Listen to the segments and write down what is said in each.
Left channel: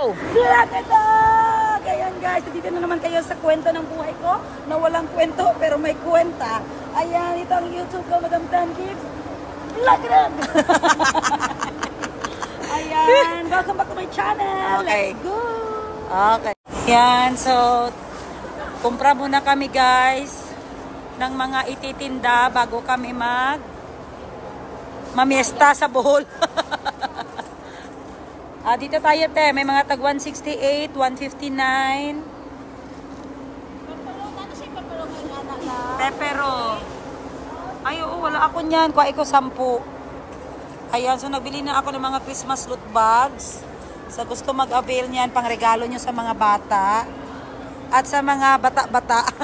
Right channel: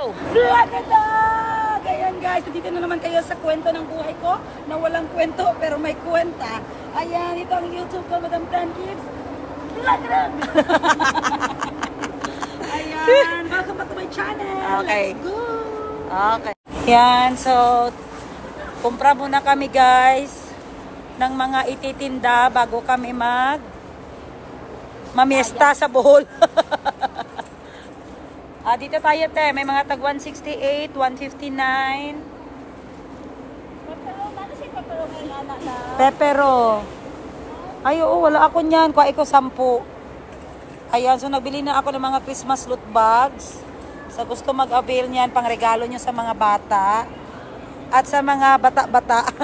Vlog! Ayan guys, dito na naman kayo sa kwento ng buhay ko na walang kwento pero may kwenta. Ayan, ito ang YouTube ko, Madam Tan Gibbs. Vlog! Ayan, welcome back to my channel. Okay. Let's go! Okay. Yan, so kumpra muna kami guys ng mga ititinda bago kami mamiesta sa Bohol. Dito tayo te, may mga tag 168, 159. Pepero. Ay oo, wala ako niyan. Kuha ko 10. Ayan, so nagbili na ako ng mga Christmas loot bags. So gusto mag-avail niyan pang regalo nyo sa mga bata at sa mga bata-bata.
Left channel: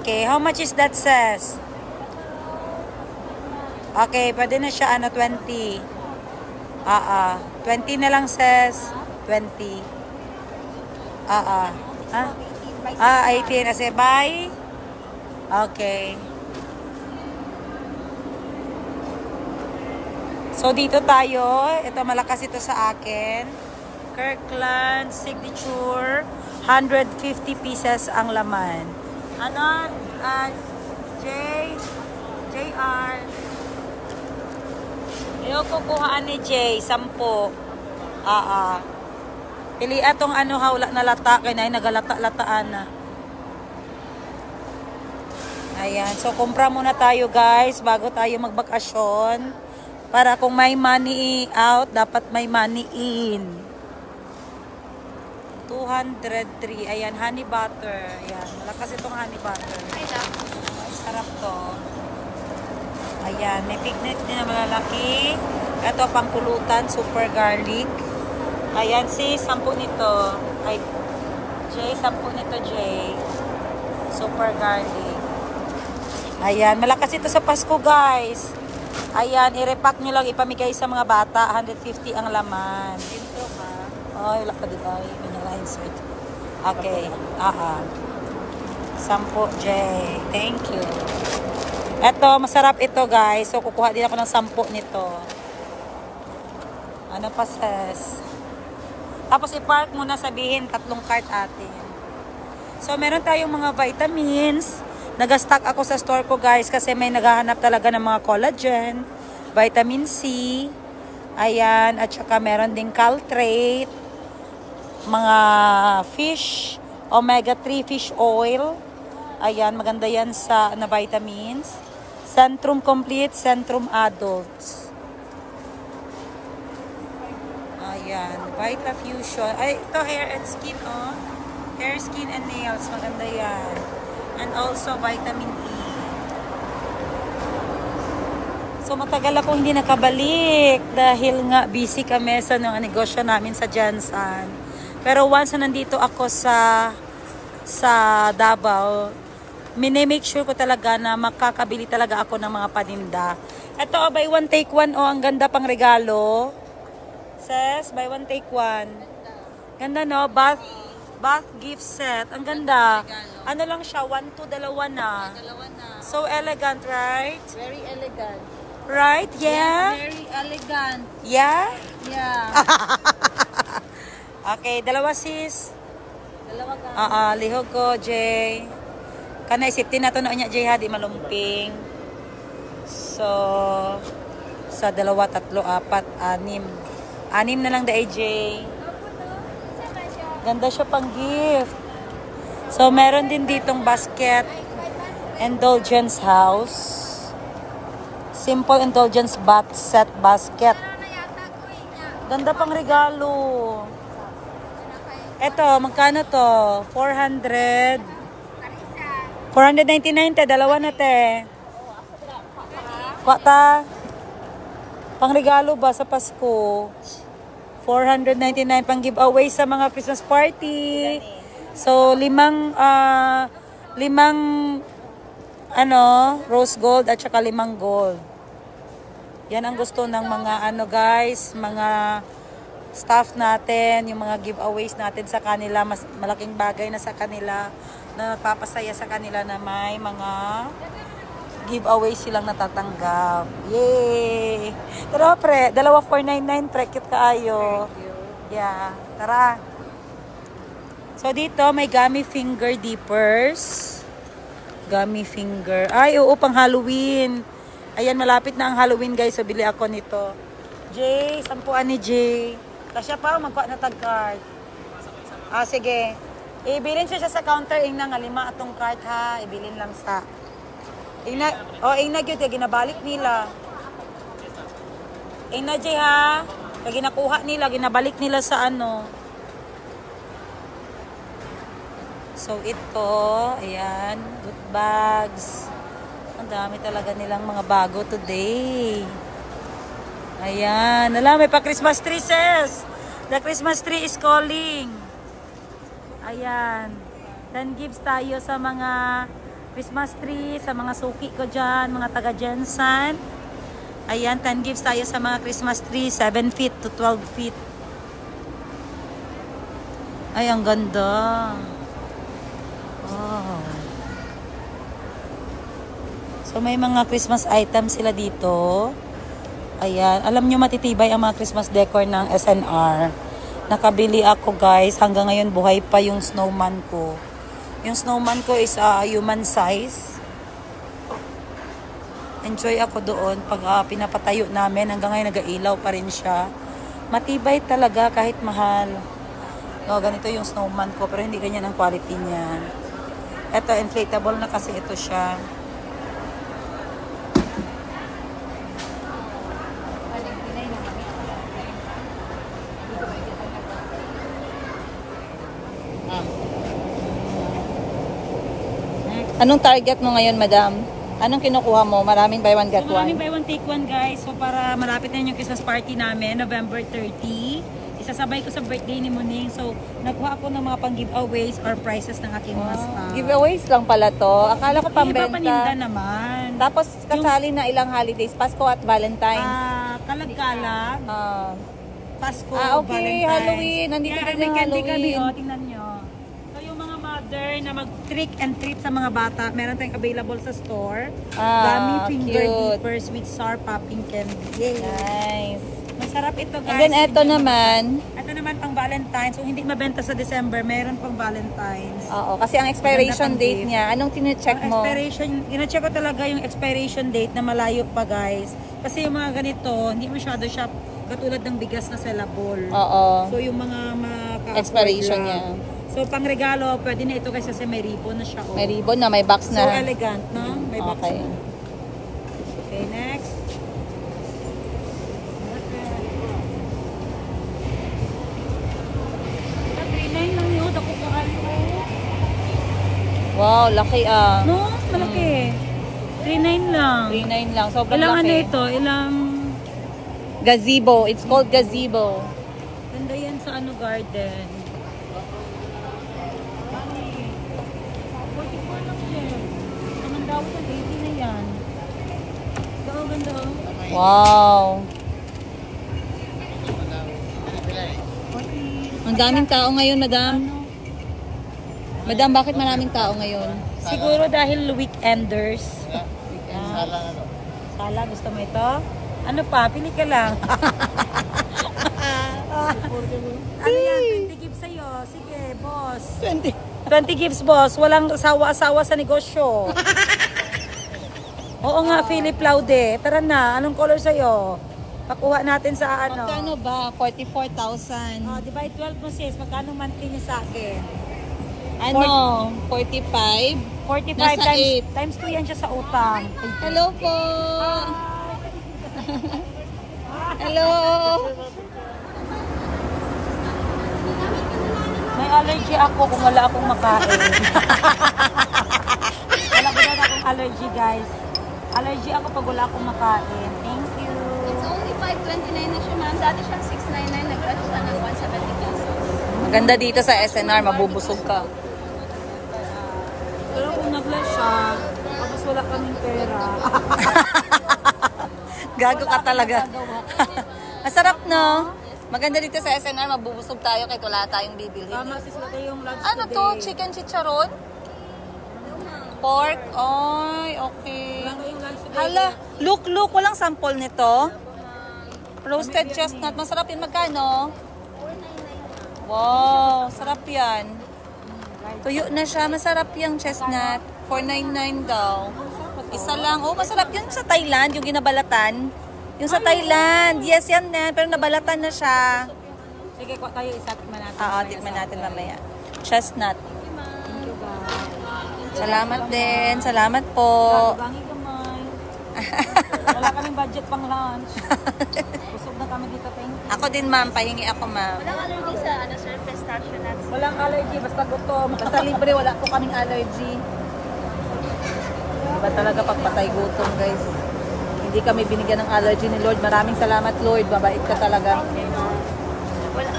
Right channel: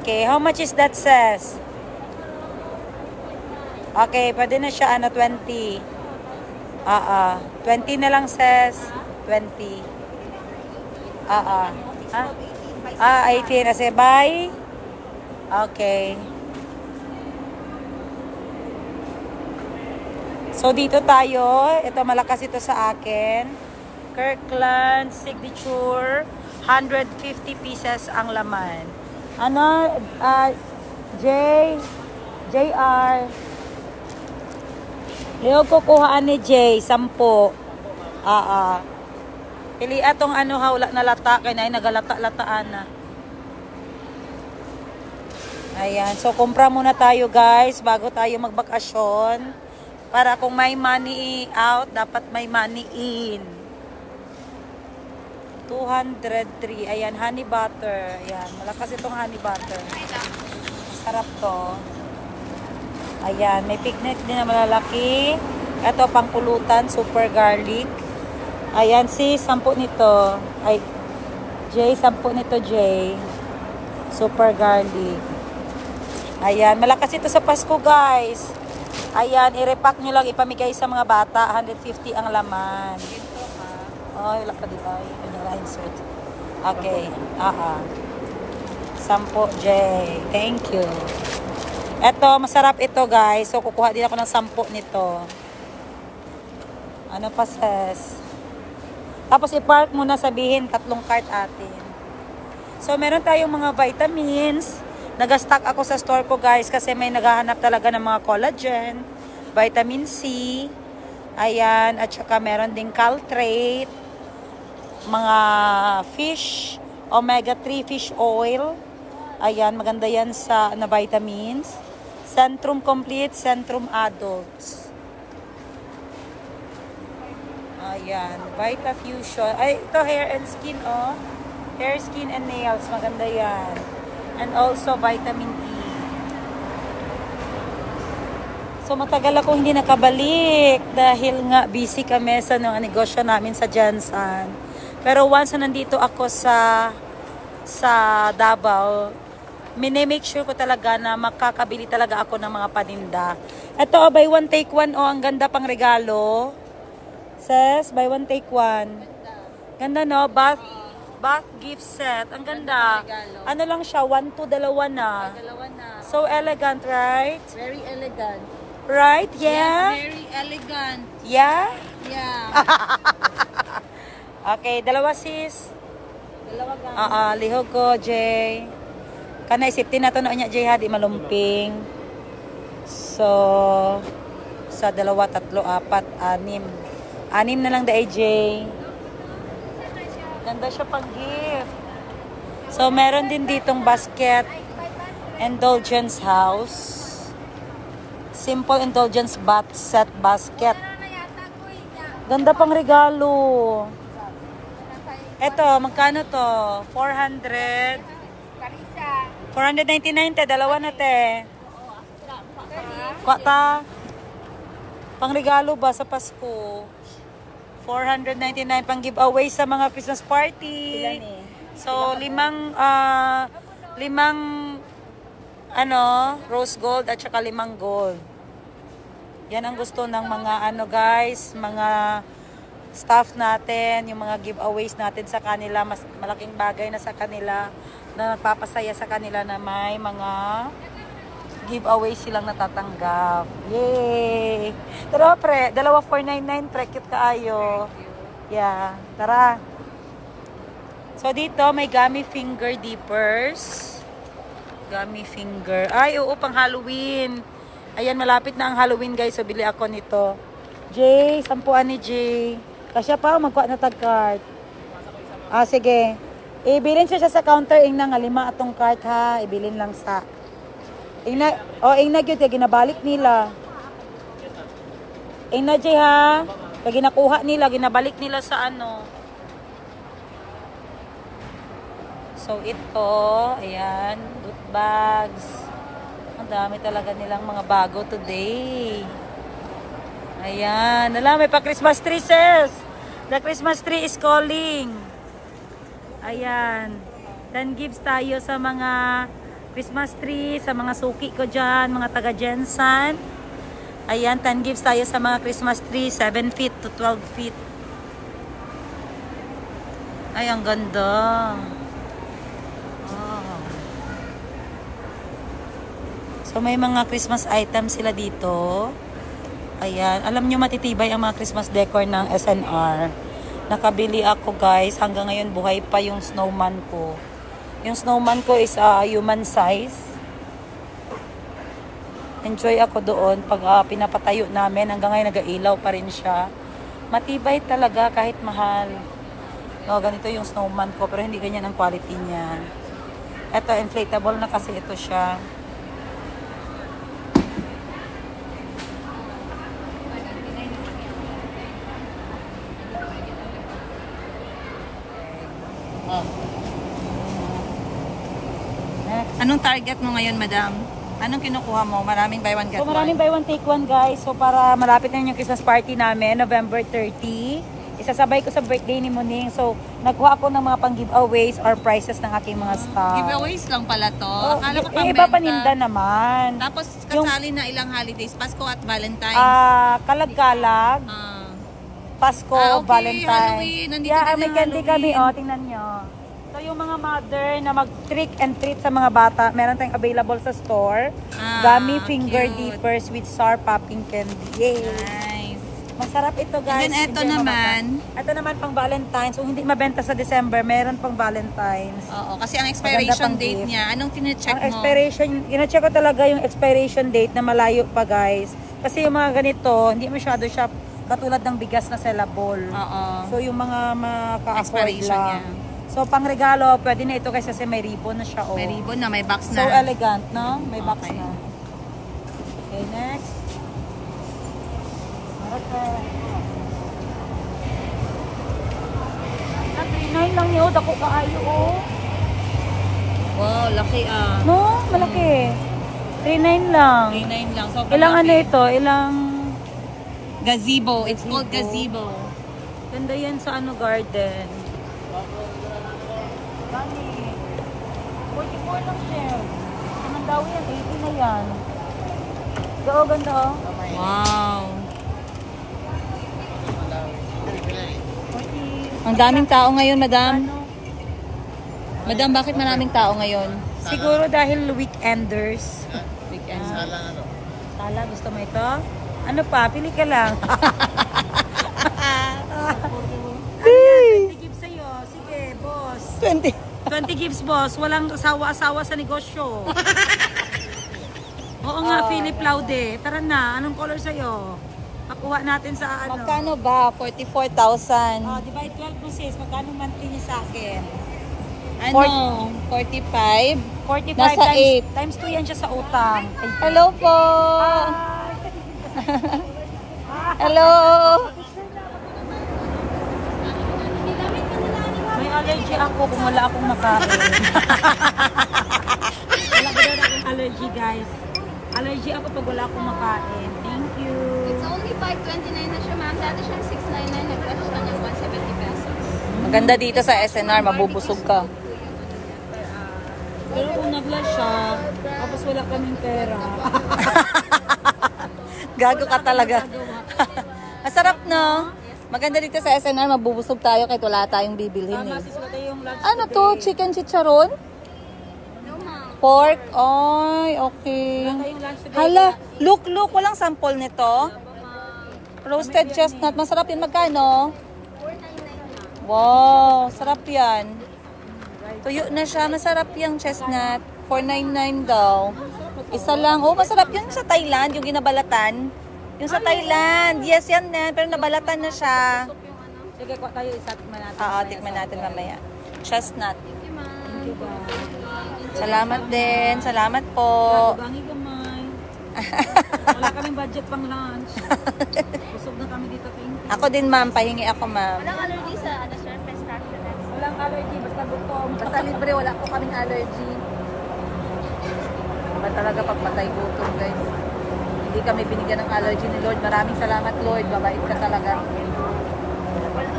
Okay, how much is that sis? Okay, pwede na siya 20. 20 na lang sis. 20. 18 kasi bye. Okay. So dito tayo, ito malakas ito sa akin. Kirkland signature, 150 pieces ang laman. Ano, JR. Yung kukuhaan ni Jay, 10. Pili atong ano hawla na lata, kaya na nagalata-lataan na. Ayan, so kumpra muna tayo guys, bago tayo magbakasyon. Para kung may money out, dapat may money in. 203. Ayan, honey butter. Ayan, malakas itong honey butter. Sarap to. Ayan, may pignet din na malalaki. Ito, pangpulutan, super garlic. Ayan, 10 nito. Ay, Jay, 10 nito, Jay. Super garlic. Ayan, malakas ito sa Pasko, guys. Ayan, i-repack nyo lang, ipamigay sa mga bata. 150 ang laman. Ay, wala pa di ba? Insert. Okay. 10, Jay. Thank you. Eto, masarap ito, guys. So, kukuha din ako ng 10 nito. Ano pa, sis? Tapos, i-park muna sabihin, 3 cart atin. So, meron tayong mga vitamins. Nag-stock ako sa store ko, guys, kasi may naghahanap talaga ng mga collagen, vitamin C, ayan, at saka meron ding caltrate, mga fish, omega-3 fish oil, ayan, maganda yan sa na vitamins, Centrum Complete, Centrum Adults, ayan, Vita Fusion, ay, ito hair and skin, oh, hair, skin, and nails, maganda yan. And also vitamin E. So matagal ako hindi nakabalik dahil nga busy kami sa negosyo namin sa Jansan. Pero once na nandito ako sa Davao, make sure ko talaga na makakabili talaga ako ng mga paninda. Ito, buy one take one, oh, ang ganda pang regalo. Says, buy one take one. Ganda, no? Bath gift set. Ang ganda. Ano lang siya? 1, 2, 2 na. So elegant, right? Very elegant. Right? Yeah? Yes, very elegant. Yeah? Yeah. Okay, dalawa sis. Dalawa ka. Lihog ko, Jay. Kanay, safety na to na niya, Jay, ha? Di malumping. So, sa 2, 3, 4, 6. 6 na lang da, Jay. Ganda siya pang gift. So, meron din ditong basket. Indulgence house. Simple indulgence bath set basket. Ganda pang regalo. Eto, magkano to? 400. 499 te. Dalawa na te. Kwata. Pang regalo ba sa Pasko? 499 pang giveaway sa mga Christmas party. So, 5 rose gold at saka 5 gold. Yan ang gusto ng mga guys, mga staff natin, yung mga giveaways natin sa kanila, mas malaking bagay na sa kanila, na nagpapasaya sa kanila na may mga giveaway silang natatanggap. Yay! Tara pre, dalawa 499 pre, cute kaayo. Yeah, tara. So dito may gummy finger dippers. Gummy finger. Ay, oo, pang Halloween. Ayan, malapit na ang Halloween guys. So bili ako nito. Jay, sampuan ni Jay. Kasya pa, magkuha na tag-card. Ah, sige. Ibilin siya sa counter. Ingna nga, 5 atong card ha. Ibilin lang sa... Ingna, yun. Ginabalik nila. Ingna, Jay ha. Kaya ginakuha nila. Ginabalik nila sa ano. So, ito. Ayan. Loot bags. Ang dami talaga nilang mga bago today. Ayan. Alam, may pa Christmas tree, sis. The Christmas tree is calling. Ayan. 10 gifts tayo sa mga Christmas tree, sa mga suki ko dyan, mga taga Jensen. Ayan, 10 gifts tayo sa mga Christmas tree, 7 feet to 12 feet. Ay, ang ganda. Oh. So, may mga Christmas items sila dito. Ayan. Alam nyo, matitibay ang mga Christmas decor ng SNR. Nakabili ako, guys. Hanggang ngayon, buhay pa yung snowman ko. Yung snowman ko is human size. Enjoy ako doon pag pinapatayo namin. Hanggang ngayon, nag-ailaw pa rin siya. Matibay talaga kahit mahal. So, ganito yung snowman ko. Pero hindi ganyan ang quality niya. Ito, inflatable na kasi ito siya. Anong target mo ngayon, madam? Anong kinukuha mo? Maraming buy one get one? So, maraming buy one take one, guys. So, para malapit na yung Christmas party namin, November 30. Isasabay ko sa birthday ni Muning. So, nagkuha ako ng mga pang-giveaways or prizes ng aking mga staff. Giveaways lang pala to. Akala ko pambenta. Iba paninda naman. Tapos, kasali na ilang holidays. Pasko at Valentine's. Kalag-kalag. Pasko, okay, Valentine's. Halloween. Nandito kami ng candy Halloween. kami. O, tingnan nyo. So, yung mga mother na mag-trick and treat sa mga bata, meron tayong available sa store. Gummy finger dippers with sour popping candy. Yay! Nice. Masarap ito, guys. And then, ito naman. Ito naman pang Valentine's. So, hindi mabenta sa December. Meron pang Valentine's. Oo, kasi ang expiration date niya, anong tine-check mo? Ina-check ko talaga yung expiration date na malayo pa, guys. Kasi yung mga ganito, hindi masyado siya katulad ng bigas na sellable. Oo. So, yung mga expiration niya. So, pang regalo, pwede na ito kasi may ribbon na siya. Oh. May ribbon na, may box na. So, elegant, no? May box okay. na. Okay, next. Okay. 39 lang yun. Ako kaayo, oh. Wow, laki ah. No, malaki. 39 lang. 39 lang. Sobrang ilang laki. Ano ito? Ilang... Gazebo. It's called gazebo. Ganda yan sa ano garden. Bali. 44 lang siya. Naman daw yan. 80 na yan. Oo, ganda oh. Wow. 40. Ang daming tao ngayon, madam. Ano? Madam, bakit maraming tao ngayon? Siguro dahil weekenders. Sala ano? Sala, gusto mo ito? Ano pa? Pili ka lang. Ano yan? 20 gives sa'yo. Sige, boss. 20 gives, boss. Walang asawa-asawa sa negosyo. Oo nga, Philip Laude. Tara na. Anong color sa'yo? Pakuha natin sa ano. Magkano ba? 44,000. Divide 12 mo sis. Magkano monthly niya sa akin? Ano? 45? 45 Nasa times 2 yan siya sa utang. Hello po! Hello! May allergy ako kung wala akong makain. Wala ko na akong allergy, guys. Allergy ako pag wala akong makain. Thank you. It's only 529 na siya, ma'am. Dati siyang 699. Nag-rush siya ng 170 pesos. Maganda dito sa SNR, mabubusog ka. Pero kung nag-rush siya, tapos wala kaming pera. Gago ka talaga. Masarap, no? Maganda dito sa SNR, mabubusog tayo kahit wala tayong bibilhin. Tama, sis, wala tayong lunch Ano today. to? Chicken chicharon? No, ma'am. Pork. Ay, okay. Wala tayong lunch today. Hala, look. Walang sample nito. Roasted chestnut. Masarap yun. Magkano? 499 lang. Wow, sarap yan. Tuyo na siya. Masarap yung chestnut. 499 daw. Isa lang. Oh, masarap yun sa Thailand, yung ginabalatan. Yung sa Thailand. Yes, yan na. Pero nabalatan na siya. Sige, kuha tayo isa. Tikman natin. Oo, tikman natin mamaya. Chestnut. Thank you, guys. Salamat din. Salamat po. Bangi gamay. Wala kaming budget pang lunch. Busog na kami dito. Thank you. Ako din, ma'am. Pahingi ako, ma'am. Walang allergy sa surface station nuts. Walang allergy. Basta gutom. Basta libre, wala po kaming allergy. Iba talaga pagpatay gutom, guys. Hindi kami binigyan ng allergy ni Lord. Maraming salamat, Lord. Mabait ka talaga.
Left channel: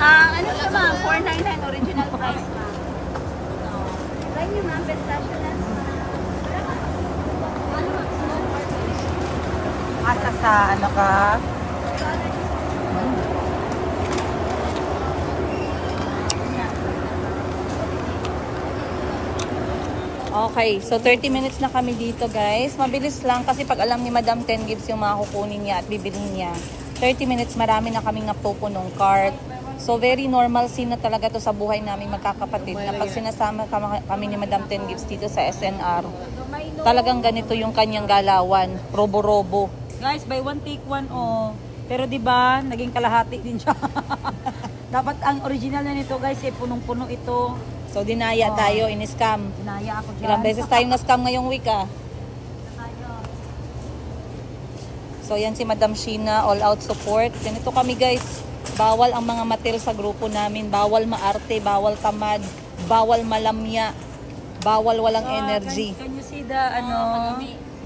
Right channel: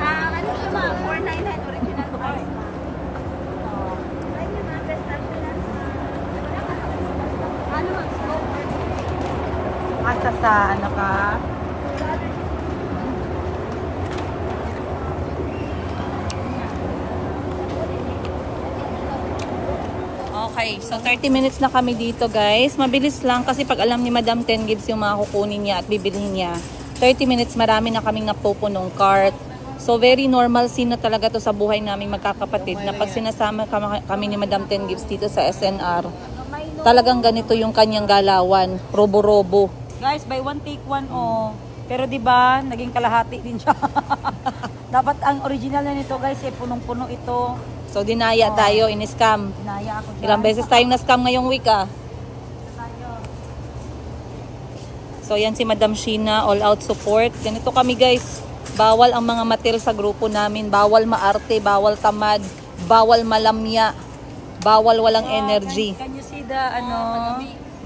Ano siya ma'am? 499 original price. Like yung mga best nuts. Asa sa ano ka? Okay, so 30 minutes na kami dito, guys. Mabilis lang kasi pag alam ni Madam 10 gives yung mga kukunin niya at bibilhin niya. 30 minutes, marami na kaming napupunong cart. So very normal scene na talaga to sa buhay naming magkakapatid. Na pag sinasama kami ni Madam 10 gives dito sa SNR, talagang ganito yung kanyang galawan. Robo-robo. Guys, buy one take one, oh. Pero di ba naging kalahati din siya. Dapat ang original na nito, guys, punong-puno ito. So dinaya tayo, in-scam. Dinaya ako dyan. Ilang beses tayong na-scam ngayong week, ah. So yan si Madam Sheena, all out support. Ganito kami, guys. Bawal ang mga matil sa grupo namin. Bawal maarte, bawal tamad, bawal malamya, bawal walang energy. Can you see the ano?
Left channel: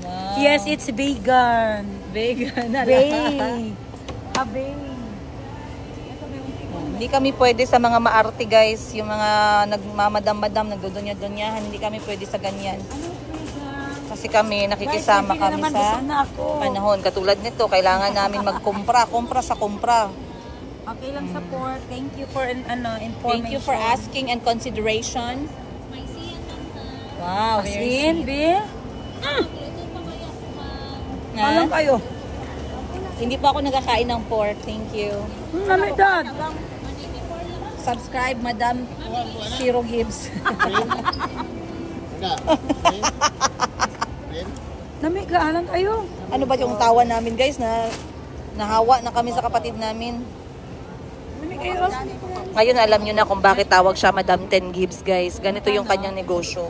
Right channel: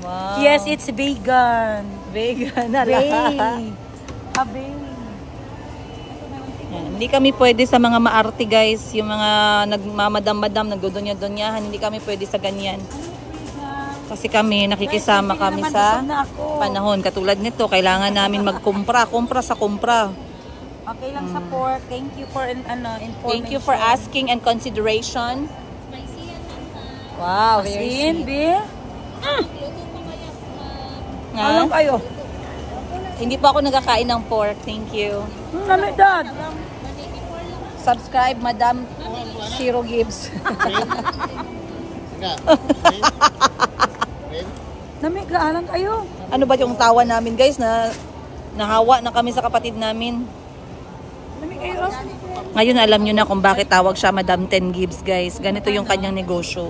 Wow. Yes, it's vegan. Vegan na Bay. Abay. Hindi kami pwede sa mga maarte, guys. Yung mga nagmamadam-madam, nagdudunya-dunyahan. Hindi kami pwede sa ganyan. Kasi kami, nakikisama kami sa panahon. Katulad nito, kailangan namin magkumpra. Kumpra sa kumpra. Okay lang sa pork. Thank you for information. Thank you for asking and consideration. Spicy yan lang. Wow. Asin, Bi? Luto pa kaya ma'am. Alam kayo. Hindi pa ako nagkakain ng pork. Thank you. Namedad. 184 lang. Subscribe, Madam Shiro Gibbs. Namiga, alam kayo. Ano ba yung tawa namin, guys, na nahawa na kami sa kapatid namin. Namiga kayo. Ngayon, alam nyo na kung bakit tawag siya Madam 10 Gibbs, guys. Ganito yung kanyang negosyo.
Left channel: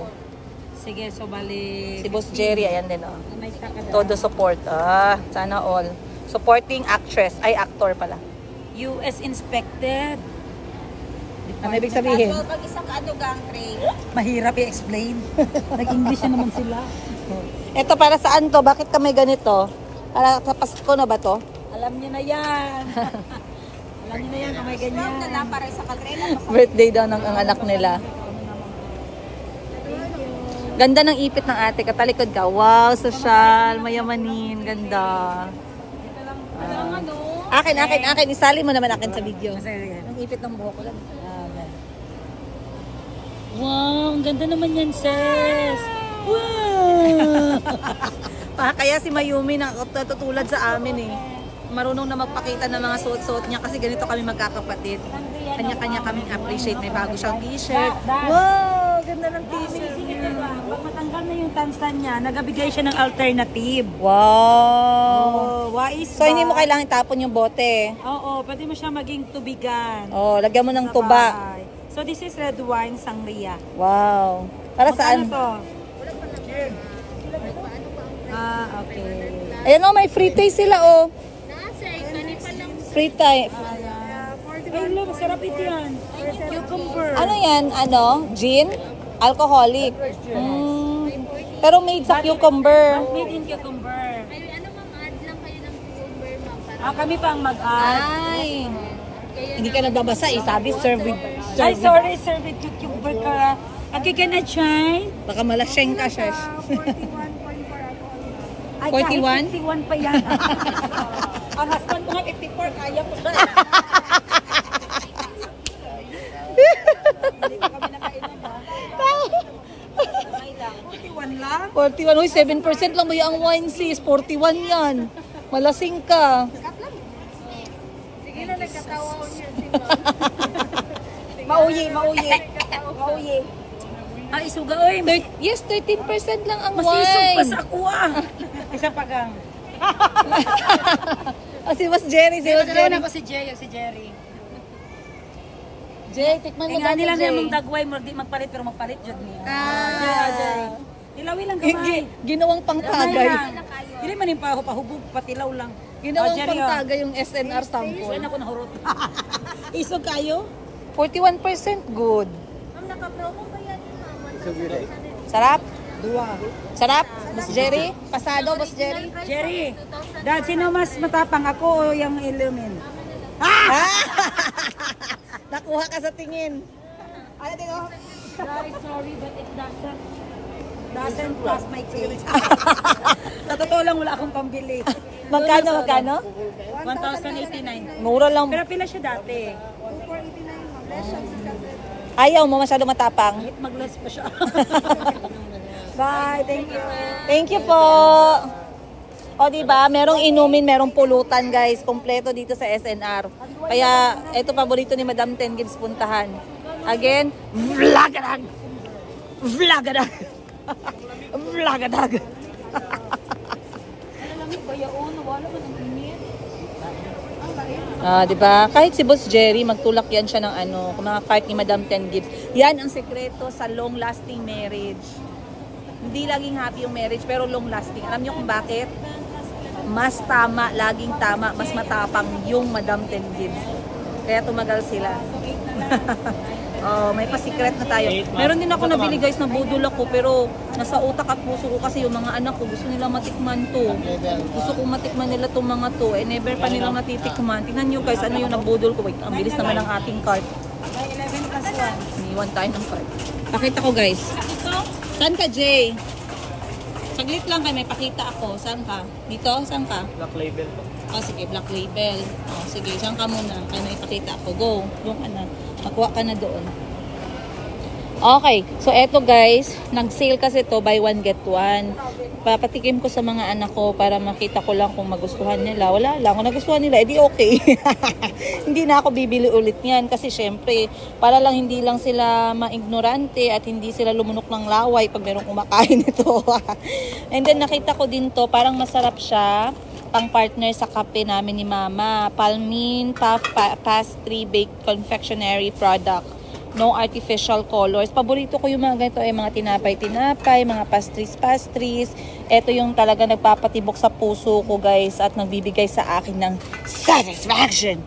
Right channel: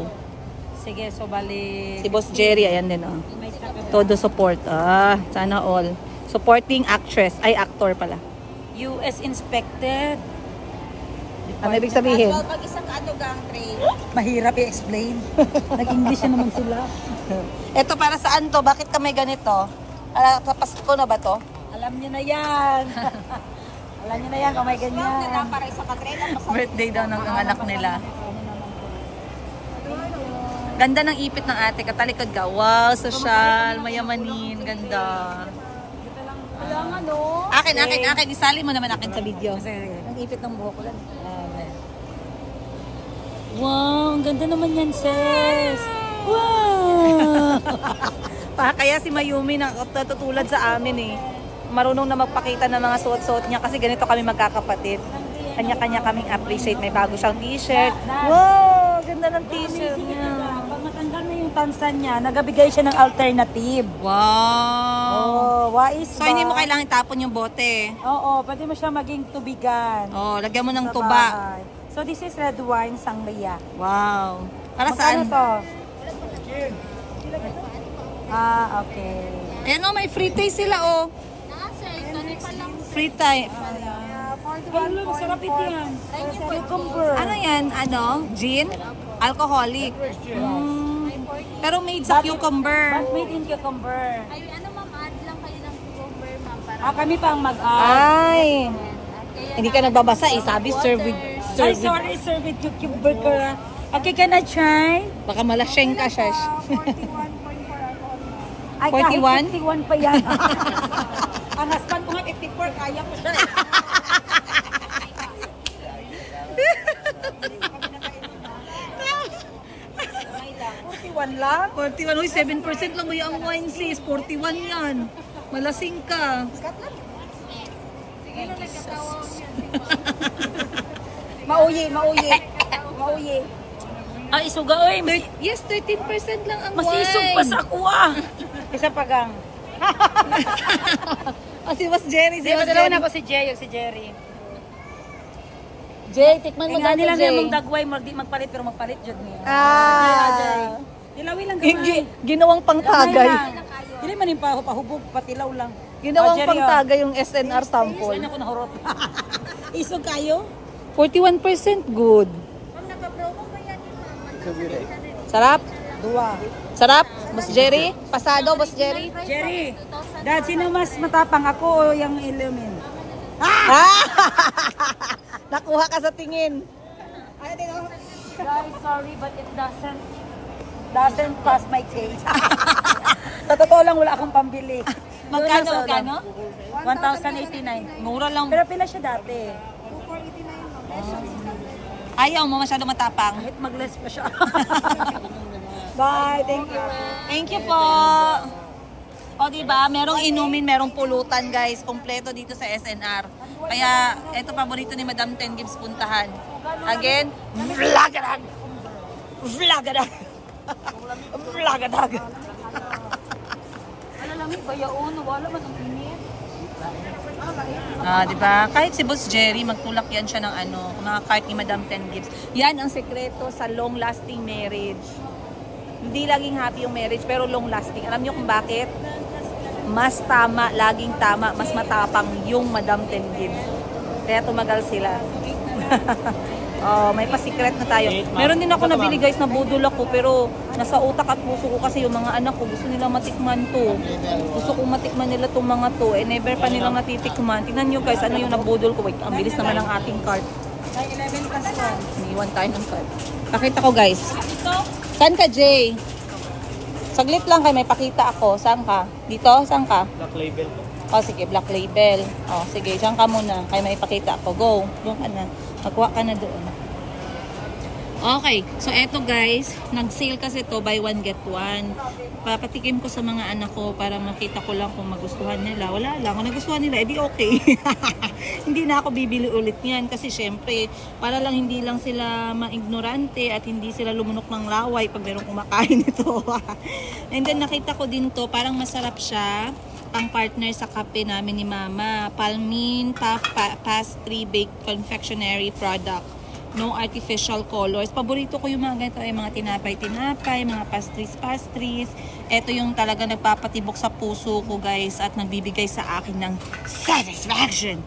Sige, so bali. Si Boss Jerry, ayan din. May takada. Todo support. Sana all. Supporting actress. Ay, actor pala. US inspected. Ano ibig sabihin? Pag isang gang tray. Mahirap i-explain. Nag-English na naman sila. Ito, para saan to? Bakit kami ganito? Para sa Pasko na ba to? Alam niyo na yan. Alam niyo na yan kung may ganyan. Birthday daw ng ang anak nila. Ganda ng ipit ng ate. Katalikod ka. Wow, social, mayamanin. Ganda. Akin. Isali mo naman akin sa video. Ang ipit ng buhok ko lang. Wow, ang ganda naman yan, sis. Wow! Kaya si Mayumi natutulad sa amin eh. Marunong na magpakita ng mga suot-suot niya kasi ganito kami magkakapatid. Kanya-kanya kaming appreciate. May bago siyang t-shirt. Wow! Ganda ng t-shirt niya. Pag matanggal na yung tansan niya, nagabigay siya ng alternative. Wow! Oh, wais So, hindi mo kailangan itapon yung bote. Oo, pwede mo siya maging tubigan. Oh, lagyan mo ng Sa tuba. bahay. So, this is red wine sangria. Wow! Para saan? to? Ah, okay. Ayan o, may free taste sila o. Nasa, kani pa lang. Free taste. Hello, masarap ito yan. Cucumber. Ano yan? Ano? Gin? Alcoholic. Pero made sa cucumber. But made in cucumber. Ay, ano ma'am, add lang kayo ng cucumber ma'am. Para Kami pa ang mag-add. Ay. Hindi ka nagbabasa eh. Sabi, serve with... Ay, sorry, sir, with cucumber ka. Okay, can I try? Baka malasyeng ka, Shash. 41? Ay, 41? kahit 51 pa yan. Ang husband ko nga 54, kaya ko siya. Hindi lang. 41. Uy, 7% lang ba yung wine sis? 41 yan. Malasing ka. Mauyi. Ay, isuga oy. Yes, 13% lang ang Masisog pa wine. sa kuha. Isa pagang. Si Boss Jerry, si Boss Dalawa Jerry. na ako si Jay, si Jerry. Jay, tikman mo Nga daw nila Jay. na mong dagway, magpalit pero magpalit jud niya. Ah. Ilawi lang gamay. Ginawang Gamay pangtagay. lang. Dili man yung pahubog, patilaw lang. Ginawang Jerry, pangtagay yung SNR sample. Saan ako nahurot? Isog kayo? 41% good. Sarap? Dua. Sarap? Boss Jerry? Pasado, Boss Jerry? Jerry, dahil sino mas matapang, ako o yung Illumin? Nakuha ka sa tingin. Very sorry, but it doesn't pass my taste. Sa totoo lang, wala akong pambili. Magkano? 1,089. Mura lang. Pero pila siya dati. Ayaw mo masyado matapang. Kahit mag-less pa siya. Bye, thank you. Thank you po. O diba, merong inumin, merong pulutan guys. Kompleto dito sa SNR. Kaya, ito paborito ni Madam Ten Gibbs puntahan. Again, vlagadag! Vlagadag! Vlagadag! Diba? Kahit si Boss Jerry, magtulak yan siya ng mga cart ni Madam Ten Gibbs. Yan ang sekreto sa long-lasting marriage. Hindi laging happy yung marriage, pero long-lasting. Alam niyo kung bakit? Mas tama, laging tama, mas matapang yung Madam Ten Gibbs. Kaya tumagal sila. May pa-secret na tayo. Meron din ako nabili guys na budol ako, pero nasa utak at puso ko kasi yung mga anak ko gusto nila matikman to. Gusto kong matikman nila tong mga to. Never pa nilang natitikman. Tingnan nyo guys, ano yung nabudol ko. Wait, ang bilis naman ng ating cart. 11 plus 1. Iniwan tayo ng cart. Pakita ko guys. Saan ka, Jay? Saglit lang kayo, may pakita ako. Saan ka? Dito? Saan ka? Black label. Sige, Black Label. Sige, saan ka muna? Kaya may ipakita ako. Go. Doon ka na. Magkuha ka na doon. Okay. So, eto guys. Nag-sale kasi to buy one, get one. Papatikim ko sa mga anak ko para makita ko lang kung magustuhan nila. Wala lang. Kung nagustuhan nila, edi okay. Hindi na ako bibili ulit yan. Kasi syempre, para lang hindi lang sila maignorante at hindi sila lumunok ng laway pag merong kumakain ito. And then, nakita ko din to. Parang masarap siya. Pang partner sa kape namin ni Mama. Palmin Puff Pastry Baked Confectionery Product. No artificial colors. Paborito ko yung mga ganito ay mga tinapay-tinapay, mga pastries. Ito yung talaga nagpapatibok sa puso ko guys at nagbibigay sa akin ng satisfaction.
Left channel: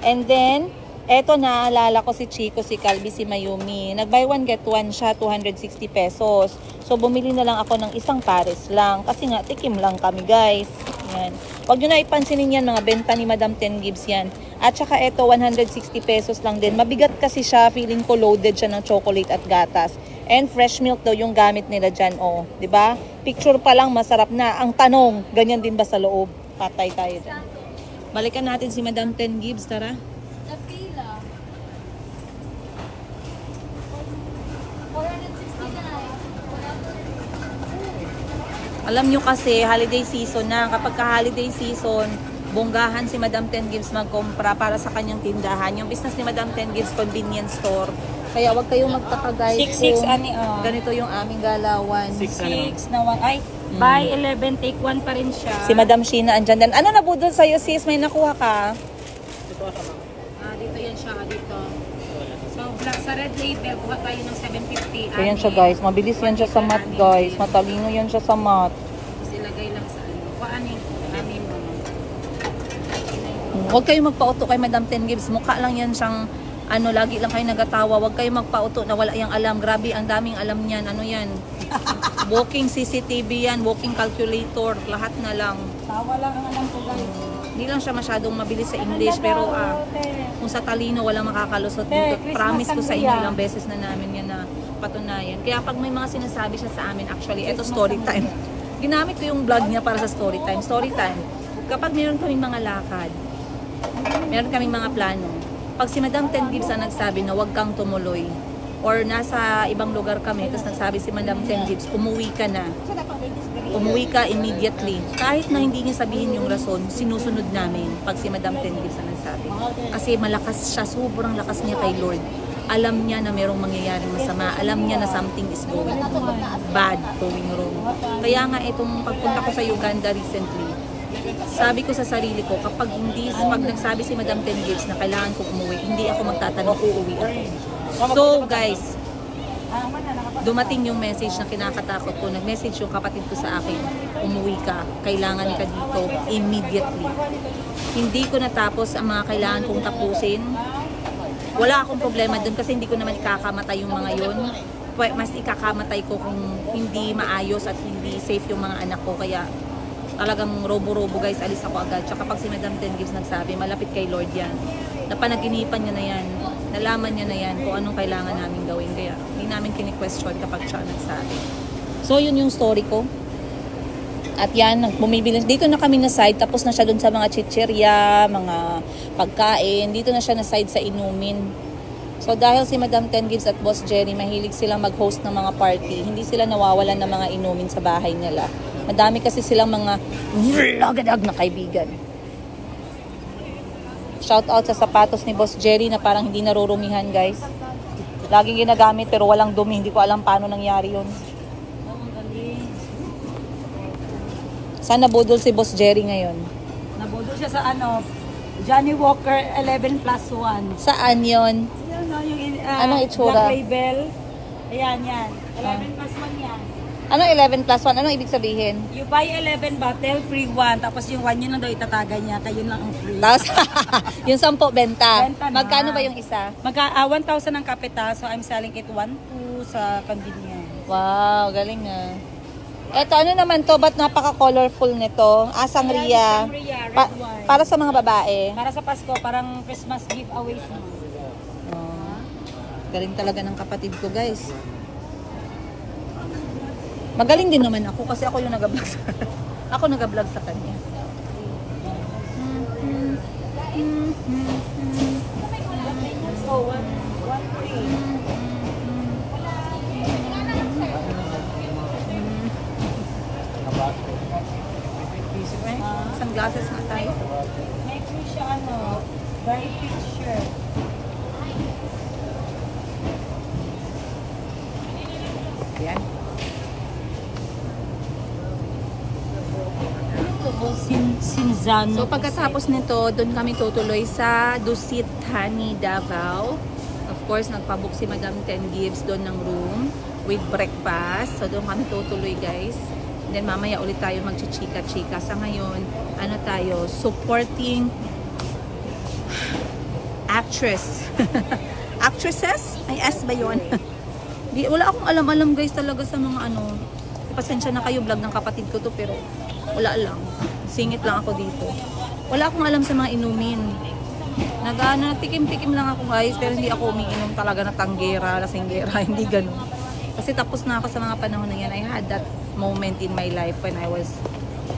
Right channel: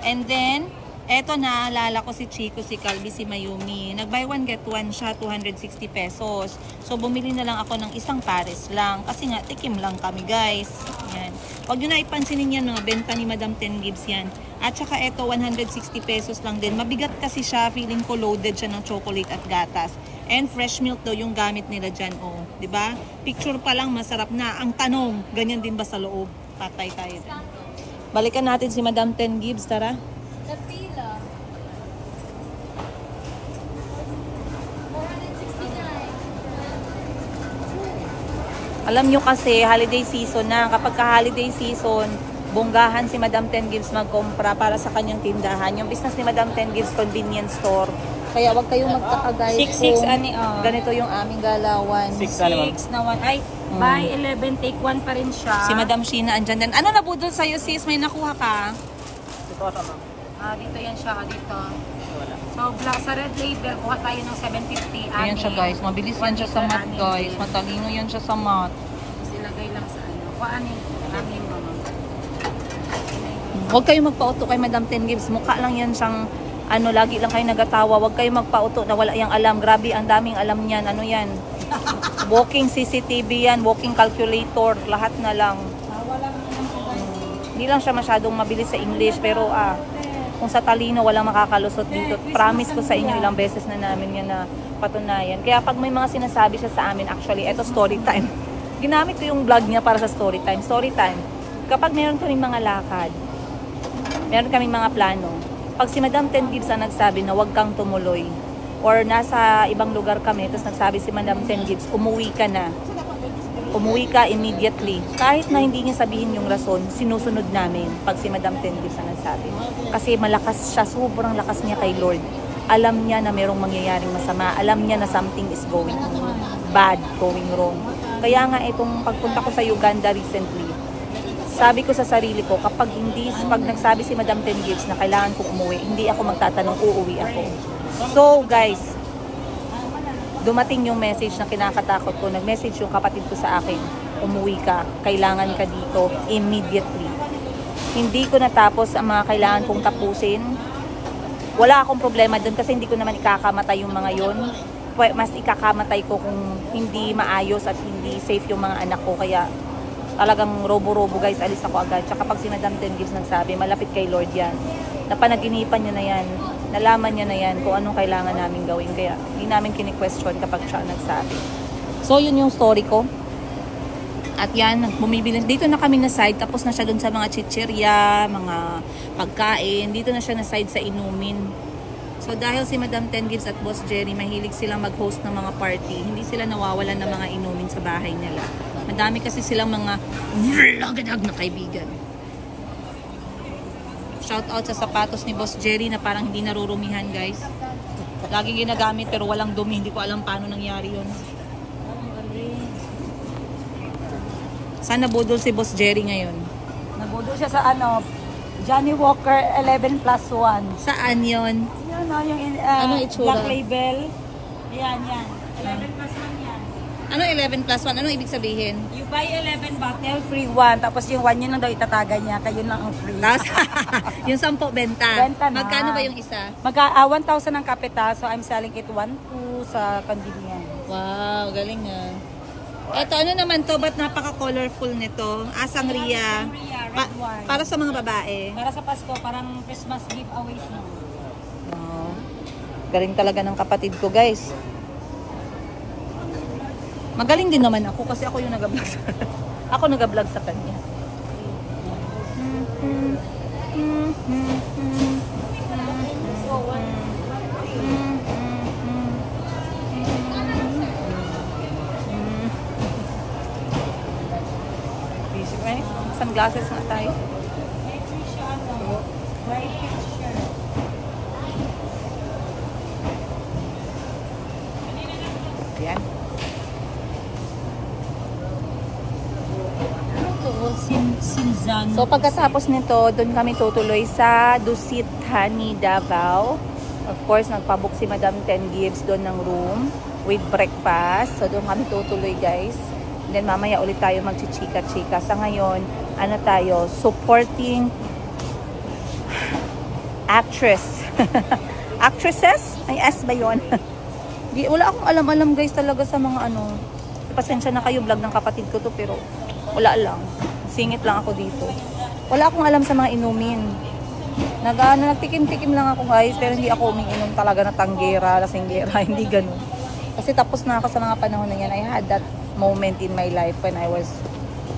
And then, eto naalala ko si Chico, si Calvi, si Mayumi. Nag-buy one get one siya, 260 pesos. So, bumili na lang ako ng isang pares lang. Kasi nga, tikim lang kami guys. Yan. Huwag nyo na ipansinin yan, mga benta ni Madam Ten Gibbs yan. At saka ito, 160 pesos lang din. Mabigat kasi siya, feeling ko loaded siya ng chocolate at gatas. And fresh milk daw yung gamit nila dyan. Diba? Picture pa lang, masarap na. Ang tanong, ganyan din ba sa loob? Patay tayo dyan. Balikan natin si Madam Ten Gibbs, tara. The pila. 469. Alam nyo kasi, holiday season na. Kapag ka-holiday season, bonggahan si Madam Ten Gibbs magkompra para sa kanyang tindahan. Yung business ni Madam Ten Gibbs, convenience store. Kaya wag kayong magtaka guys. 6 ani, ganito yung aming galawan. 6 na 1. Ay, buy 11, take 1 pa rin siya. Si Madam Sheena andyan din. Ano nabudol sa'yo sis? May nakuha ka? Dito yan siya, dito. So, sa red label, kuha tayo ng 750. Ayan siya guys. Mabilis yan siya sa mat guys. Matalino yan siya sa mat. Tapos ilagay lang sa ano. Kuhaan yung amin mama. Huwag kayong magpauto kay Madam Ten Gibbs. Mukha lang yan siyang lagi lang kayo nagatawa. Huwag kayong magpauto na wala yang alam. Grabe, ang daming alam niyan. Ano yan? Walking CCTV yan. Walking calculator. Lahat na lang. Tawa lang ang alam ko. Hindi lang siya masyadong mabilis sa English. Pero kung sa talino, walang makakalusot dito. Promise ko sa inyo, ilang beses na namin yan na patunayan. Kaya pag may mga sinasabi siya sa amin, actually, eto story time. Ginamit ko yung vlog niya para sa story time. Story time. Kapag meron kaming mga lakad, meron kaming mga plano, pag si Madam Ten Gibbs ang nagsabi na huwag kang tumuloy, or nasa ibang lugar kami, tapos nagsabi si Madam Ten Gibbs, umuwi ka na. Umuwi ka immediately. Kahit na hindi niya sabihin yung rason, sinusunod namin pag si Madam Ten Gibbs na nagsabi. Kasi malakas siya, sobrang lakas niya kay Lord. Alam niya na merong mangyayaring masama. Alam niya na something is going bad, going wrong. Kaya nga itong pagpunta ko sa Uganda recently, sabi ko sa sarili ko, pag nagsabi si Madam Ten Gibbs na kailangan kong umuwi, hindi ako magtatanong, uuwi ako. So guys, dumating yung message na kinakatakot ko. Nag-message yung kapatid ko sa akin, umuwi ka, kailangan ka dito immediately. Hindi ko natapos ang mga kailangan kong tapusin. Wala akong problema dun kasi hindi ko naman ikakamatay yung mga yun. Mas ikakamatay ko kung hindi maayos at hindi safe yung mga anak ko. Kaya talagang robo-robo guys, alis ako agad. Tsaka pag si Madam Ten Gibbs nagsabi, malapit kay Lord yan. Napanaginipan niya na yan, nalaman niya na yan kung anong kailangan namin gawin. Kaya hindi namin kini-question kapag siya nagsabi. So yun yung story ko. At yan, bumibili. Dito na kami na side, tapos na siya dun sa mga chichirya, mga pagkain. Dito na siya na side sa inumin. So dahil si Madam Ten Gibbs at Boss Jerry, mahilig silang mag-host ng mga party. Hindi sila nawawalan ng mga inumin sa bahay nila. Madami kasi silang mga vlogadag na kaibigan. Shout out sa sapatos ni Boss Jerry na parang hindi narurumihan guys. Laging ginagamit pero walang dumi. Hindi ko alam paano nangyari yun. Saan nabudol si Boss Jerry ngayon? Nabudol siya sa Johnny Walker 11+1. Saan yon? Yan yung anong itsura? Black label. Ayan, yan. 11+1 yan. Anong 11+1? Anong ibig sabihin? You buy 11 bottle, free 1. Tapos yung 1 yun lang daw itatagay niya. Kayo lang ang free. Tapos, yung 10 benta. Benta na. Magkano ba yung isa? 1,000 ang kapita. So I'm selling it 1,200 sa convenience. Wow, galing ah. Eto, ano naman to? Ba't napaka-colorful nito? Sangria. Sangria, red wine. Para sa mga babae. Para sa Pasko, parang Christmas giveaways mo. Galing talaga ng kapatid ko, guys. Magaling din naman ako kasi ako yung nag-vlog sa ako nag-vlog sa kanya. Busy ba eh? Sunglasses na tayo. May free siya bright picture. Yan. So pagkatapos nito, doon kami tutuloy sa Dusit Honey, Davao. Of course, nagpabook si Madam Ten Gibbs doon ng room with breakfast. So doon kami tutuloy guys. And then mamaya ulit tayo magchichika-chika. Sa ngayon, ano tayo? Supporting actress. Actresses? Ay, S ba yun? Wala akong alam-alam guys talaga sa mga pasensya na kayo, vlog ng kapatid ko to pero wala lang. Singit lang ako dito. Wala akong alam sa mga inumin. Nagtikim-tikim lang ako guys pero hindi ako umiinom talaga na tanggera, lasinggera, hindi ganun. Kasi tapos na ako sa mga panahon na yan. I had that moment in my life when I was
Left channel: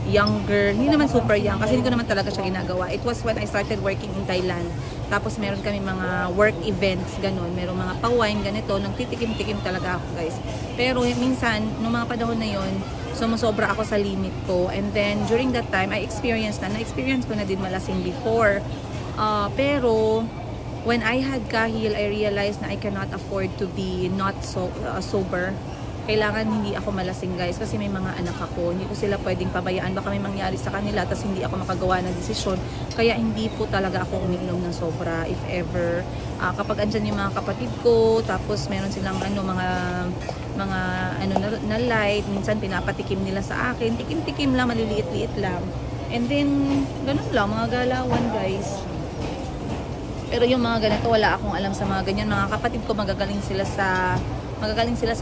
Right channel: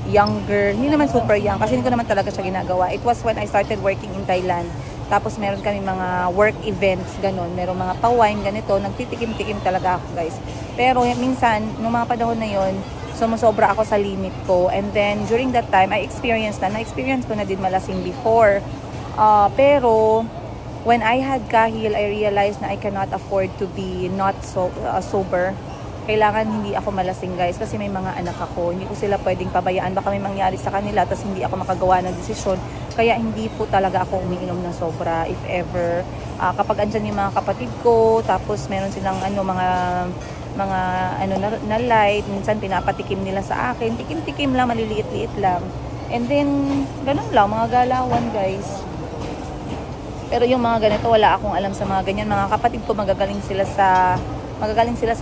younger. Hindi naman super young kasi hindi ko naman talaga siya ginagawa. It was when I started working in Thailand. Tapos meron kami mga work events, ganun. Meron mga pa-wine, ganito. Nagtitikim-tikim talaga ako, guys. Pero minsan, nung mga panahon na yon, sumusobra ako sa limit ko. And then, during that time, na-experience ko na din malasing before. Pero, when I had kahil, I realized na I cannot afford to be not sober. Kailangan hindi ako malasing guys kasi may mga anak ako. Hindi ko sila pwedeng pabayaan. Baka may mangyari sa kanila tapos hindi ako makagawa ng desisyon. Kaya hindi po talaga ako umiinom ng sobra if ever. Kapag andyan yung mga kapatid ko, tapos meron silang na light. Minsan pinapatikim nila sa akin. Tikim-tikim lang, maliliit-liit lang. And then, ganun lang, mga galawan guys. Pero yung mga ganito, wala akong alam sa mga ganyan. Mga kapatid ko magagaling sila sa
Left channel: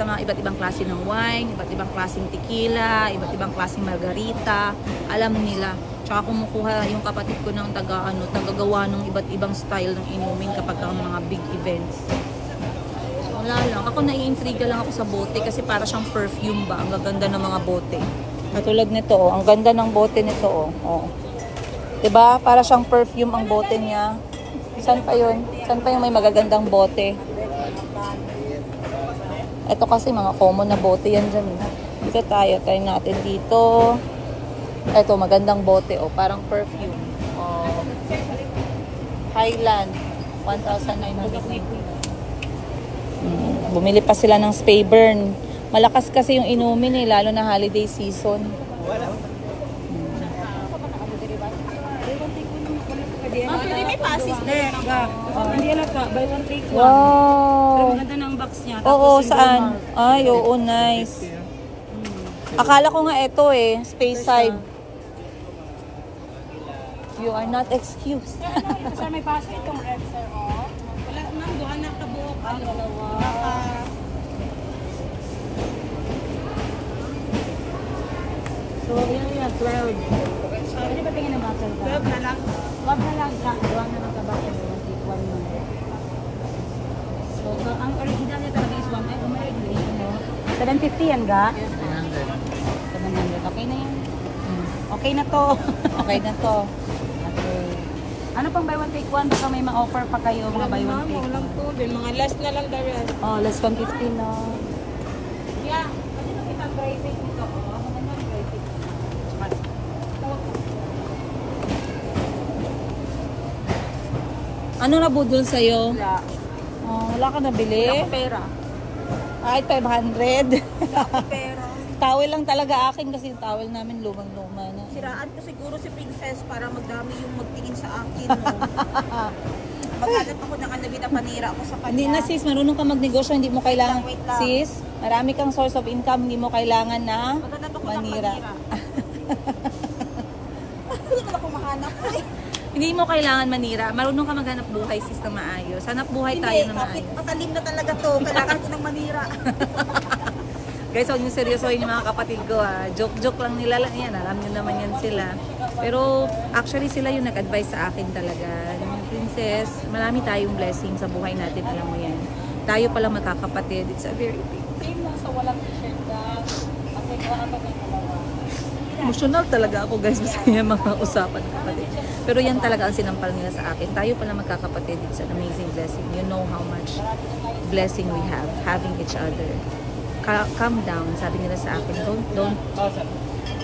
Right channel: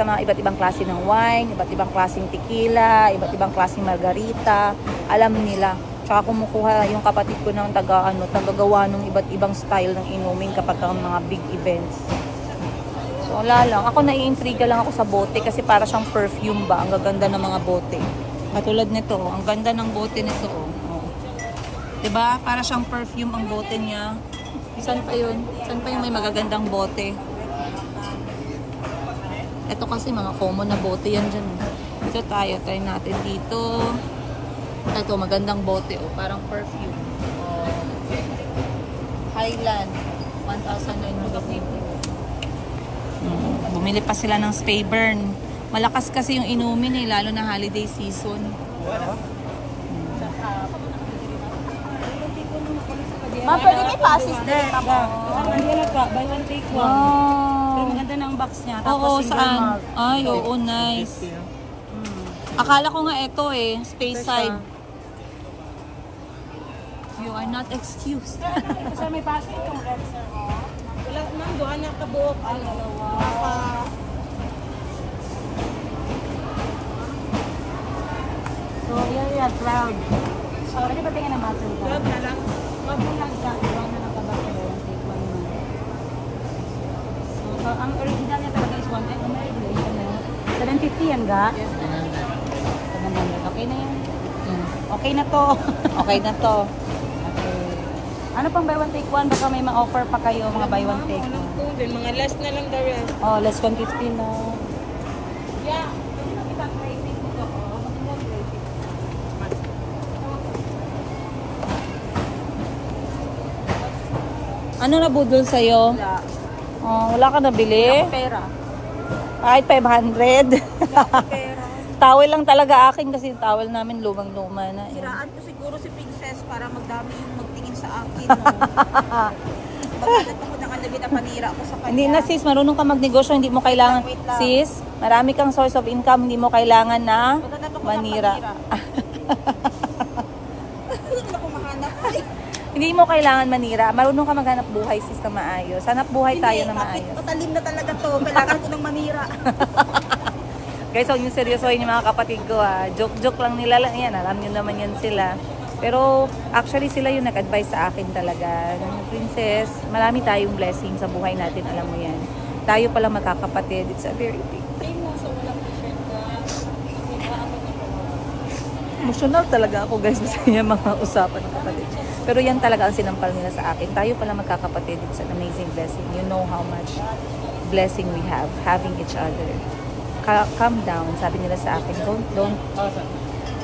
mga iba't ibang klase ng wine, iba't ibang klaseng tequila, iba't ibang klaseng margarita. Alam nila. Tsaka kumukuha yung kapatid ko ng tagagawa ng iba't ibang style ng inumin kapag ang mga big events. So wala lang. Ako naiintriga lang ako sa bote kasi para siyang perfume ba. Ang gaganda ng mga bote. Katulad nito, ang ganda ng bote nito. Diba? Para siyang perfume ang bote niya. Saan pa yun? Saan pa yung may magagandang bote? Ito kasi mga common na bote yan dyan. Dito tayo. Try natin dito. Ito, magandang bote. Oh, parang perfume. Oh. Highland. 1,999. Bumili pa sila ng spray burn. Malakas kasi yung inumin eh, lalo na holiday season. Ma, pwede may pasis na. Hindi na ka, buy one take one. Wow. Pero maganda ng box niya. Oo, single saan? malt. Ay, oo, nice. Akala ko nga ito eh, space side. You are not excused. Ito sir, may basket kang answer. Ulat nang doon na kabuok. Ano? So, yan, cloud. Pwede ba tingin ng bottle ka? Cloud na lang. Wag na lang ka. Wag na lang ka ba? Take one month. So, ang original niya talaga is 1. Ay, may regulation mo. 750 yan ga? Yes, 700. Okay na yan? Okay na to. Okay na to. Okay. Ano pang buy one take one? Baka may ma-offer pa kayo mga buy one take one. Mga last na lang daw yan. Oh, less 150 no. Yeah. Pwede na kitang private nito ko. Magandang private. Ano nabudol sa'yo? Wala. Oh, wala ka nabili? Wala ko pera. Kahit 500. Wala ko pera. Towel lang talaga akin kasi yung towel namin lumang-luma na. Siraan ko siguro si Princess para magdami yung magtingin sa akin. No? Maghanap ako ng kanabi na panira ako sa kanya. Hindi na sis, marunong ka magnegosyo, hindi mo kailangan. Wait lang. Sis, marami kang source of income, hindi mo kailangan na Maghanap ako manira. ng panira. Hindi ko na kumahanap. Hindi mo kailangan manira. Marunong ka maghanap buhay sis na maayos. Hanap buhay tayo na maayos. Patalim na talaga to. Kailangan ko ng manira. Guys, huwag yung seryosohin yung mga kapatid ko ha. Joke-joke lang nila lang yan. Alam nyo naman yan sila. Pero actually sila yung nag-advise sa akin talaga. Princess, marami tayong blessing sa buhay natin. Alam mo yan. Tayo pala magkakapatid. It's a very big. Same lang sa walang t-shirt ka. Kasi kaya kapag ng dalawa. Emotional talaga ako guys. Basta yung mga usapan ng kapatid. Pero yan talaga ang sinampal nila sa akin. Tayo pala magkakapatid. It's an amazing blessing. You know how much blessing we have having each other. Calm down, sabi nila sa akin. Don't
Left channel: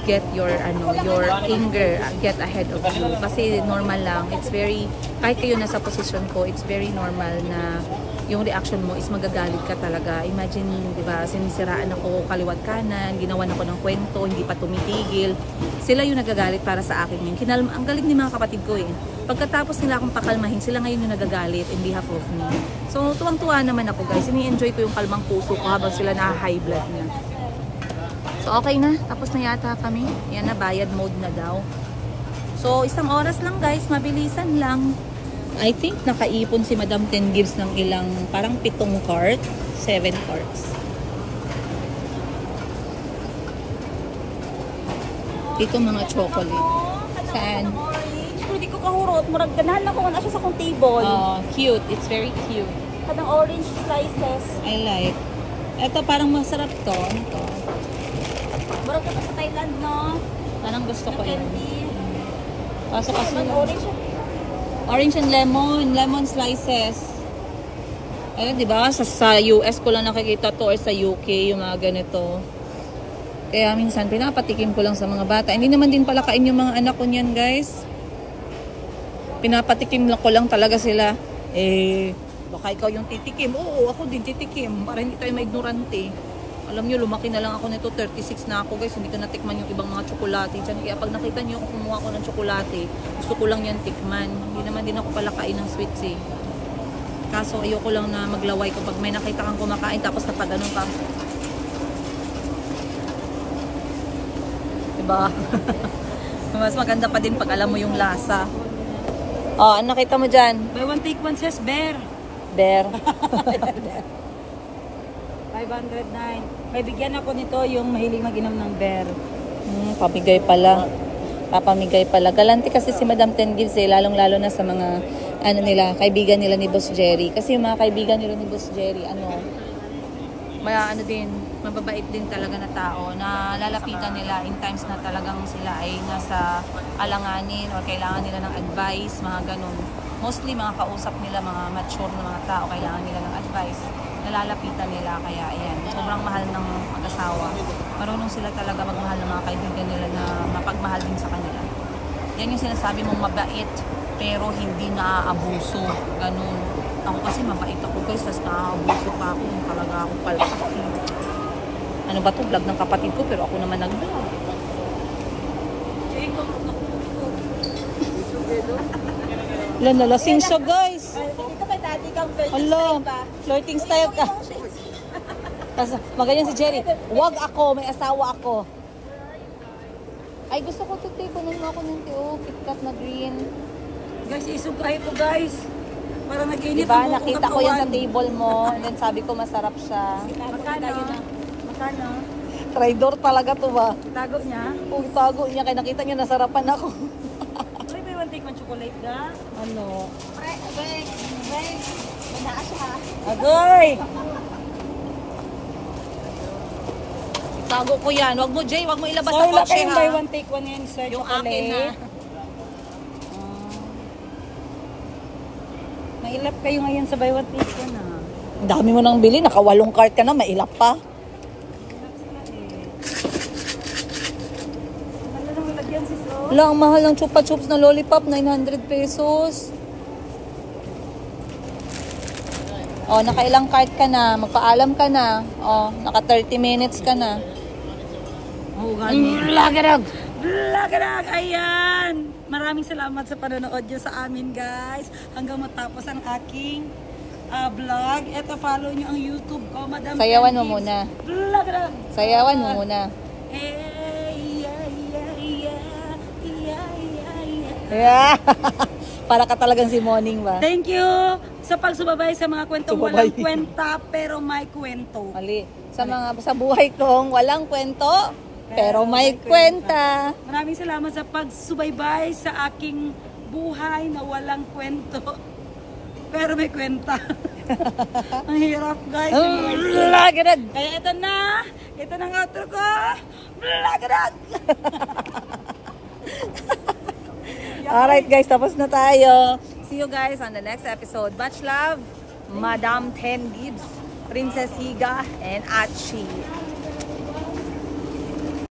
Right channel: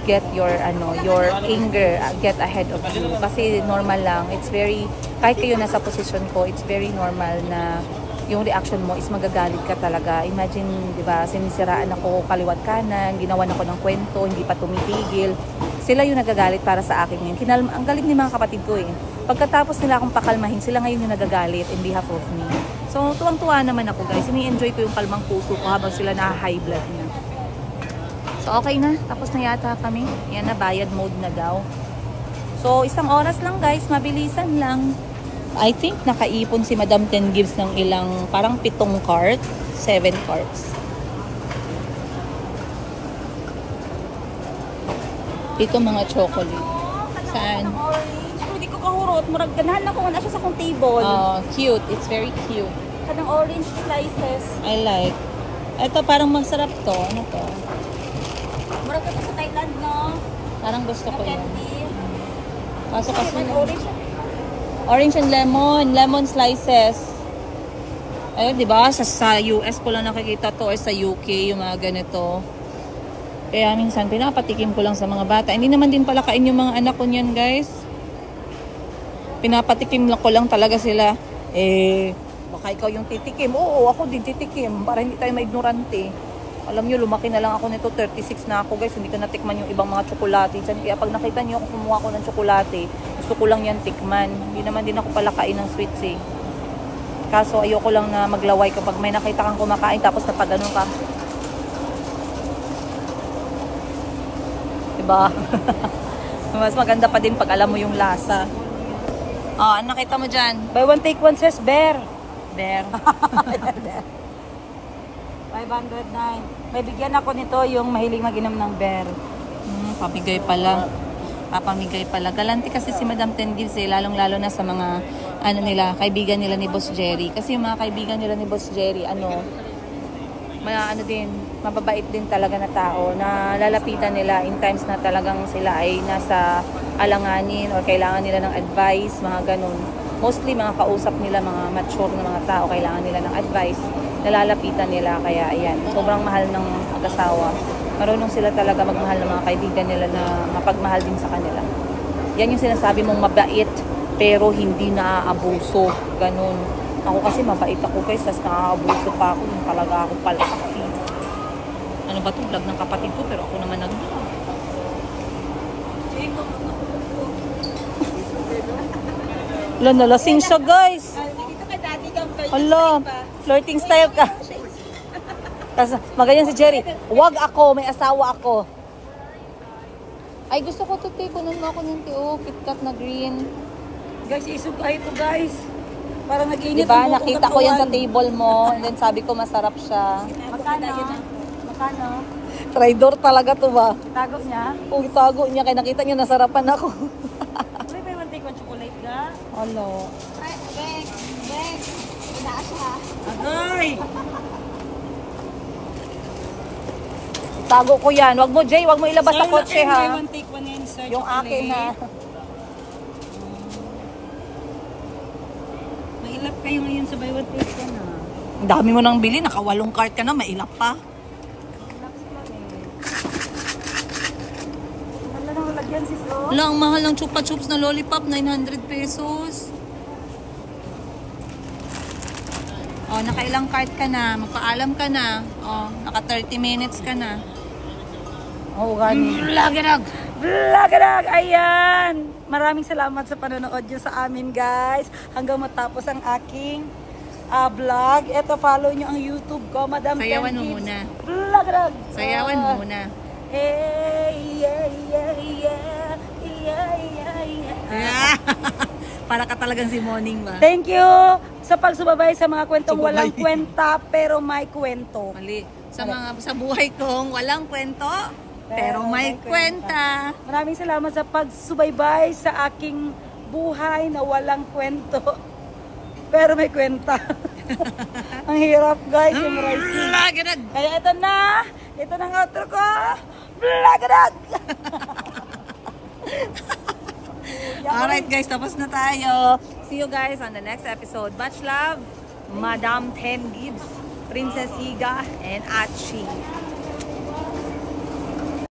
get your anger get ahead of you. Kasi normal lang. It's very, kahit kayo nasa position ko, it's very normal na yung reaction mo is magagalit ka talaga. Imagine, di ba, sinisiraan ako kaliwat kanan, ginawan ako ng kwento, hindi pa tumitigil. Sila yung nagagalit para sa akin ngayon. Ang galing ni mga kapatid ko eh. Pagkatapos nila akong pakalmahin, sila ngayon yung nagagalit in behalf of me. So, tuwang-tuwa naman ako guys. Ini-enjoy ko yung kalmang puso ko habang sila na-high blood na. So, okay na. Tapos na yata kami. Yan na, bayad mode na daw. So, 1 oras lang guys. Mabilisan lang. I think nakaipon si Madam Ten Gives ng ilang, parang 7 cart. 7 carts. Ito mga chocolate. Saan? Hindi ko kahurot. Ganahan ako na sa kong table. Cute. It's very cute. Ang orange slices. I like. Ito parang masarap to. Ano to? Murag ka sa Thailand, no? Parang gusto ko yan. Candy. Kaso kasi orange and lemon. Lemon slices. Ayun, di ba? Sa US ko lang nakikita to or sa UK yung mga ganito. Kaya minsan pinapatikim ko lang sa mga bata. Hindi naman din pala kain yung mga anak ko niyan, guys. Pinapatikim ko lang talaga sila. Baka ikaw yung titikim. Oo, ako din titikim. Para hindi tayo maignorante. Alam nyo, lumaki na lang ako nito. 36 na ako, guys. Hindi ko natikman yung ibang mga tsokolate dyan. Kaya pag nakita nyo ako kumuha ko ng tsokolate, gusto ko lang yan tikman. Hindi naman din ako pala kain ng sweets eh. Kaso ayoko lang na maglaway kapag may nakita kang kumakain tapos napaganon ka. Diba? Mas maganda pa din pag alam mo yung lasa. Oh, ano nakita mo dyan? Buy one take one says bear. Bear. 509. May bigyan ako nito yung mahilig mag-inom ng bear. Pamigay pala. Papamigay pala. Galante kasi si Madam Ten Gives eh. Lalong-lalo na sa mga nila, kaibigan nila ni Boss Jerry. Kasi yung mga kaibigan nila ni Boss Jerry, mababait din talaga na tao na lalapitan nila in times na talagang sila ay nasa alanganin or kailangan nila ng advice, mga ganun. mostly mga kausap nila, mga mature na mga tao, kailangan nila ng advice, nalalapitan nila. Kaya ayan, sobrang mahal ng mag-asawa. Marunong sila talaga magmahal ng mga kaibigan nila na mapagmahal din sa kanila. Yan yung sinasabi mong mabait pero hindi naaabuso, ganun. Ako kasi mabait ako guys, tapos naaabuso pa ako, yung talaga ako palpak. Ano ba to, vlog ng kapatid ko pero ako naman nag-vlog. Wala, nalasing siya guys. Dito kay daddy kang Hello, flirting style ka. Tapos magayon si Jerry, wag ako, may asawa ako. Ay, gusto ko ito, kunin mo ako ng TO, KitKat na green. Guys, isugay ito guys. Para nag-init Diba, ang buong nakita ko yan sa katawan. table mo. Then sabi ko masarap siya. Magkano? Magkano? Traidor talaga to ba? Tago niya? Kung tago niya, kaya nakita niya nasarapan ako. Uy, may one take one chocolate ka? Ano? Beng, manaas ha. Agoy! Tago ko yan. Wag mo, Jay. Wag mo ilabas sa wala kotse kayong buy ha. one take one yan, sir. Yung akin na. Nailap kayo ngayon sa buy one take one ha. Ang dami mo nang bili. Nakawalong cart ka na. Mailap pa. Wala nang lagyan sis oh. Wala, ang mahal ng chupa chups na lollipop. 900 pesos. Oh, nakailang cart ka na. Magpaalam ka na. Oh, naka 30 minutes ka na. Oh, gani. Vlog-a-dog! Vlog-a-dog! Ayan! Maraming salamat sa panonood nyo sa amin guys. Hanggang matapos ang aking vlog. Ito, follow nyo ang YouTube ko, Madam Sayawan mo Ten Gigs. muna. Vlog-a-dog! Sayawan mo muna. Hey, yeah, yeah, yeah, yeah, yeah, yeah. Yeah. Para ka talagang si Morning ba? Thank you sa pagsubaybay sa mga kwentong Subabay. walang kwenta pero may kwento. Mali. Sa buhay kong walang kwento, pero may kwenta. Maraming salamat sa pagsubaybay sa aking buhay na walang kwento. Pero may kwenta. Ang hirap guys. Vlog-a-dog! Kaya ito na. Ito na ang outro ko. Vlog-a-dog! Alright guys, tapos na tayo. See you guys on the next episode. Much love, Madam Ten Gibbs, Princess Higa, and Achi.